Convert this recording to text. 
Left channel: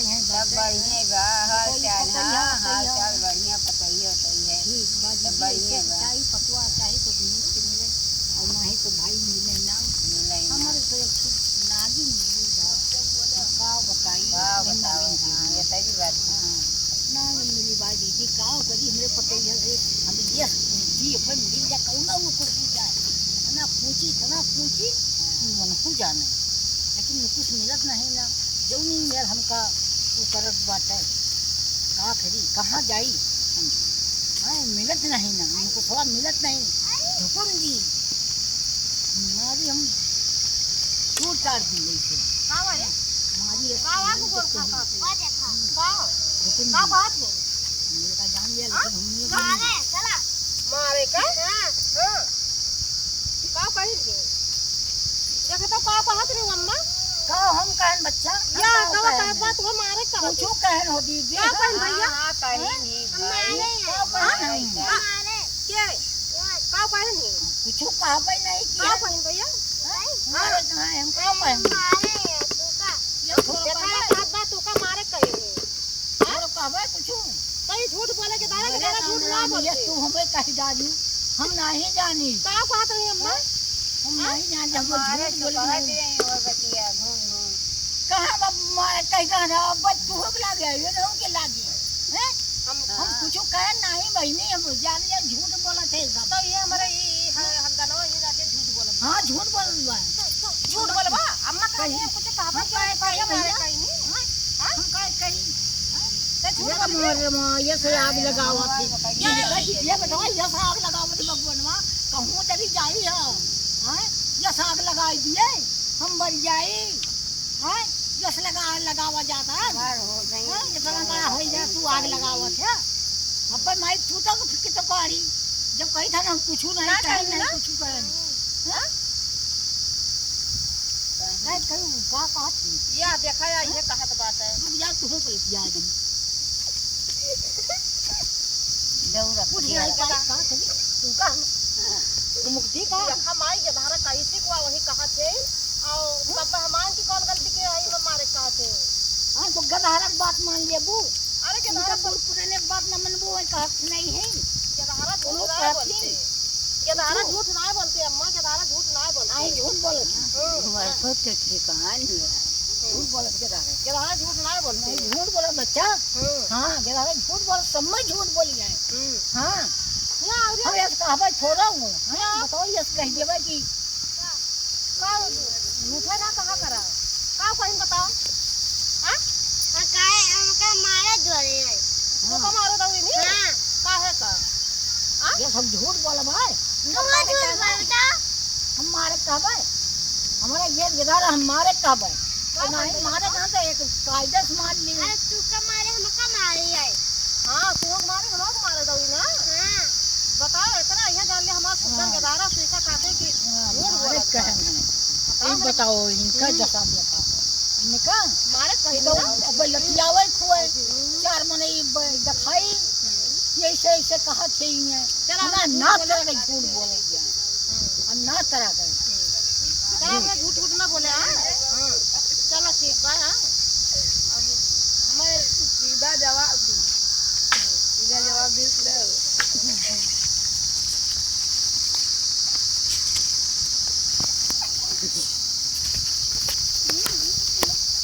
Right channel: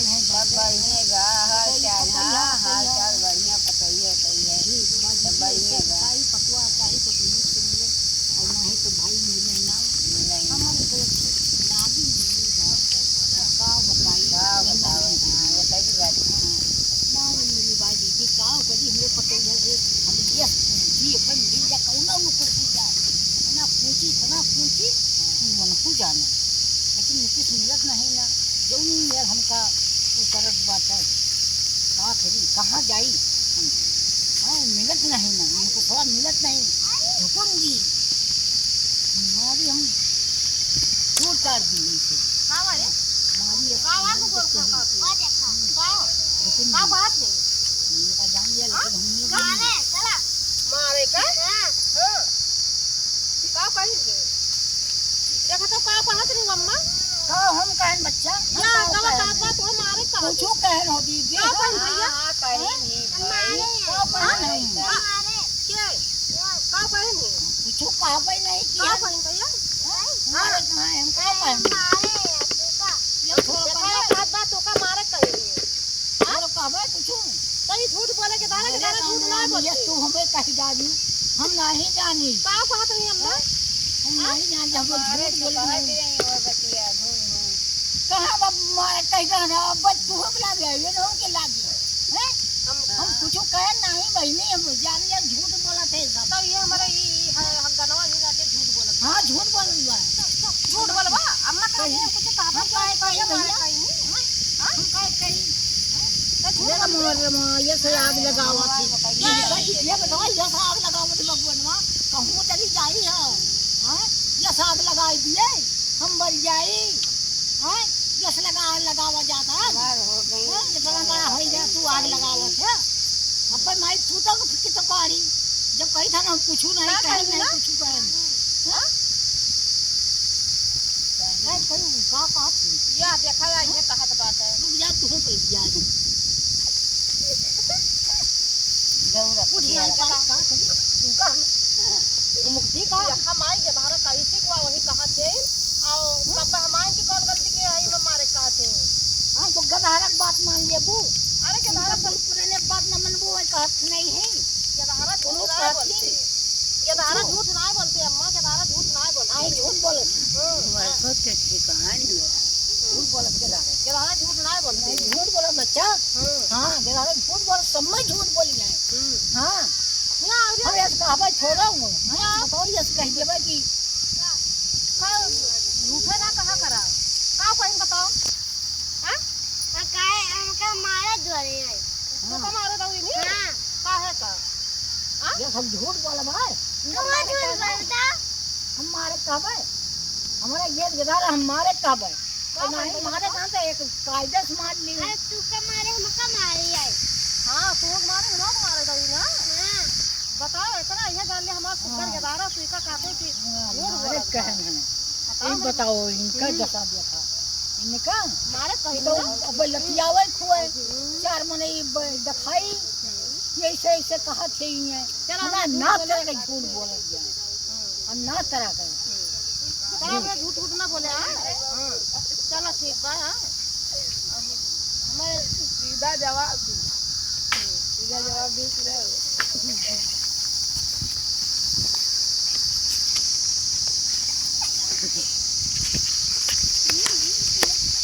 हमारे यहाँ सब बढ़िया बा। हाल चाल बढ़िया पतइया है सब बढ़िया बा। चाहे पतवा चाहे तो मीट के मिले और नहीं तो भाई मिले ना हमारे तो नागी मिली बा का बताई बताओ। हाँ ये सही बात है। ना मिली बाई दीदी का करी हमरे पतइया से हम ये जी अपन मिल जा कौना वो कुछ जाए ना पूछी मन हो जाने लेकिन कुछ मिलत नहीं ना जो नहीं मिल हमका वो करत बात है का करी कहाँ जाई हम हाँ मिलत नहीं ना हमको थोड़ा मिलत नहीं झुकूंगी हमारी हम दूर तार दी से कावा रे कावा को गोल खा का बात है मेरा जान लिया मारे चला मारे का हां का कहीं के देखा तो का कहत रे मम्मा का हम कहन बच्चा ये तो बात तो हमारे का कुछ कहन हो दी क्या कहन भैया हां कहीं नहीं भाई का कहन मारे के का कहन कुछ कहबे नहीं क्या किया कहन भैया मारे कहां हम का कहन मारे तू का ये थोड़ा देखा बात तो का मारे कहीं थोड़ा कहबे कुछ कहीं झूठ बोले के दारा झूठ ना बोल ये तू हमें कह दादी हम नहीं जानी का कहत रही अम्मा हम नहीं जान जब झूठ बोल नहीं और बतिया घूम कहां मारे कह रहा अब तू हो लागे ये न हो के लागी हैं हम कुछ कह नहीं बहनी हम जान लिया झूठ बोला थे सब तो ये हमारा ये हम गनवा ये जाके झूठ बोलत हां झूठ बोल बा झूठ बोलबा अम्मा कहे कुछ कहबा कहीं भैया हम कहीं मेरा मोर ये से आग लगावा थी ये बताओ ये से आग लगावा थी भगवानवा कहूं चली जाई है ये से आग लगाई दिए हम मर जाई हैं ये से लगावा जाता है हो गई ये बड़ा हो जा तू आग लगावा थे अब माई तू तो कि तो करी जब कही था ना कुछ नहीं कुछ कह हां नहीं कहीं का कहत ये देखा ये कहत बात है रुक जा तू हो जा दौड़ा उठ नहीं पाई का करी तू का मुक्ति का देखा माई के बाहर कैसे को वही कहा थे और तब हमान की कौन गलती के आई में मारे कहते हां तो गधारक बात मान लेबू अरे के उनका पुराने बात न मनबू है कहत नहीं है के धारा झूठ ना बोलते के धारा झूठ ना बोलते अम्मा के धारा झूठ ना बोलते आई झूठ बोलत वर्षों से ठिकान हुआ झूठ बोलत के धारा झूठ ना बोलते नहीं झूठ बोलत बच्चा हां गधारक झूठ बोल समय झूठ बोली है हां हम ये कहबे छोड़ा हूं हां बताओ ये कह देबे कि का झूठे ना कहा करा का कहीं बताओ हां और काहे हमका मारे धोरे है तो का मारो दऊ नहीं हां का है का ये सब झूठ बोल भाई कौन झूठ बोलता हम मारे कहबे हमारा ये गधार हम मारे कहबे तो नहीं मारे कहां से एक कायदा से मार ली अरे तू का मारे हमका मारे है हां तू मारे हम मारे दऊ ना हां बता इतना यह जान ले हमारा सुगर के दारा सुइका काटे की झूठ बोलत कहन है बताओ इनका जैसा देखा इनका मारे कहीं तो तो अब लतियावे खुए चार मने दिखाई ऐसे ऐसे कहा थे ये चला ना तरह का झूठ बोल दिया और ना तरह का चलो झूठ ना बोले हां चलो ठीक बा हां अब हमें सीधा जवाब दी सीधा जवाब दी